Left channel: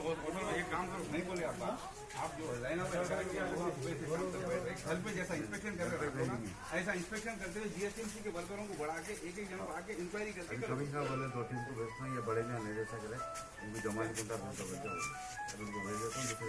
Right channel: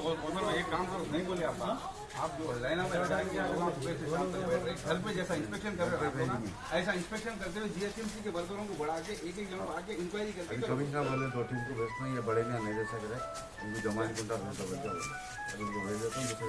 एक काम करो, नहीं बोले आप जो लाइन में लगा के घर पे जैसा इंस्पेक्शन कर रहे हो ऐसा इंस्पेक्शन करते हुए जीएसएमसी के वर्करों को बढ़ा के एक जन आके इंक्वायरी करके कभी का बोले 2 टीम को भेजना, ये बड़े ने नहीं जैसा करे इनको जमा नहीं कुंटा भेज देता हूँ दूसरे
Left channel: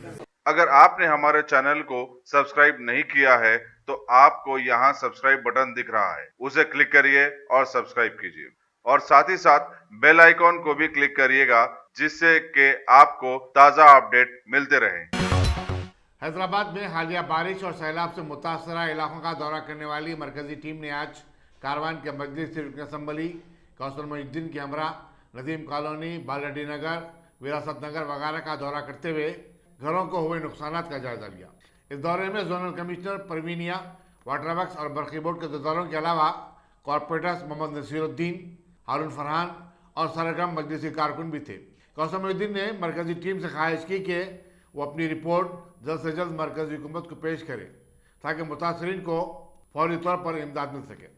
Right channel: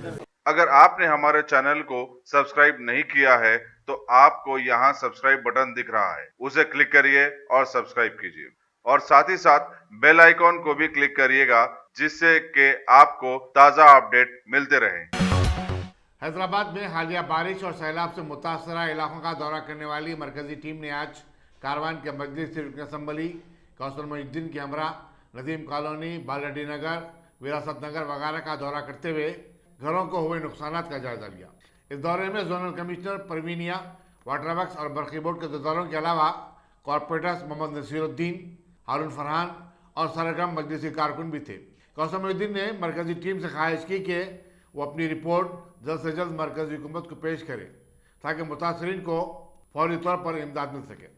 दिन। अगर आपने हमारे चैनल को सब्सक्राइब नहीं किया है तो आपको यहाँ सब्सक्राइब बटन दिख रहा है, उसे क्लिक करिए और सब्सक्राइब कीजिए और साथ ही साथ बेल आइकॉन को भी क्लिक करिएगा जिससे कि आपको ताज़ा अपडेट मिलते रहें। हैदराबाद में हालिया बारिश और सैलाब से मुतासरा इलाकों का दौरा करने वाली मरकजी टीम ने आज कारवान के मजलिस असम्बली, कौसर मोहिउद्दीन की हमरा, नदीम कॉलोनी, बालडी नगर, विरासत नगर वगैरह का दौरा करते हुए घरों को हुए नुकसान का जायजा लिया। इस दौरे में जोनल कमिश्नर परवीनिया, वाटर वर्क्स और बरकी बोर्ड के दफ्तरों के अलावा कॉरपोरेटर्स मोहम्मद नसीरुद्दीन, हारून फरहान और सरगम मजलिसी कारकुन भी थे। कौसर मोहिउद्दीन ने मरकजी टीम से ख्वाहिश की कि वो अपनी रिपोर्ट जल्द से जल्द मरकजी हुकूमत को पेश करे ताकि मुतासरीन को फौरी तौर पर इमदाद मिल सके।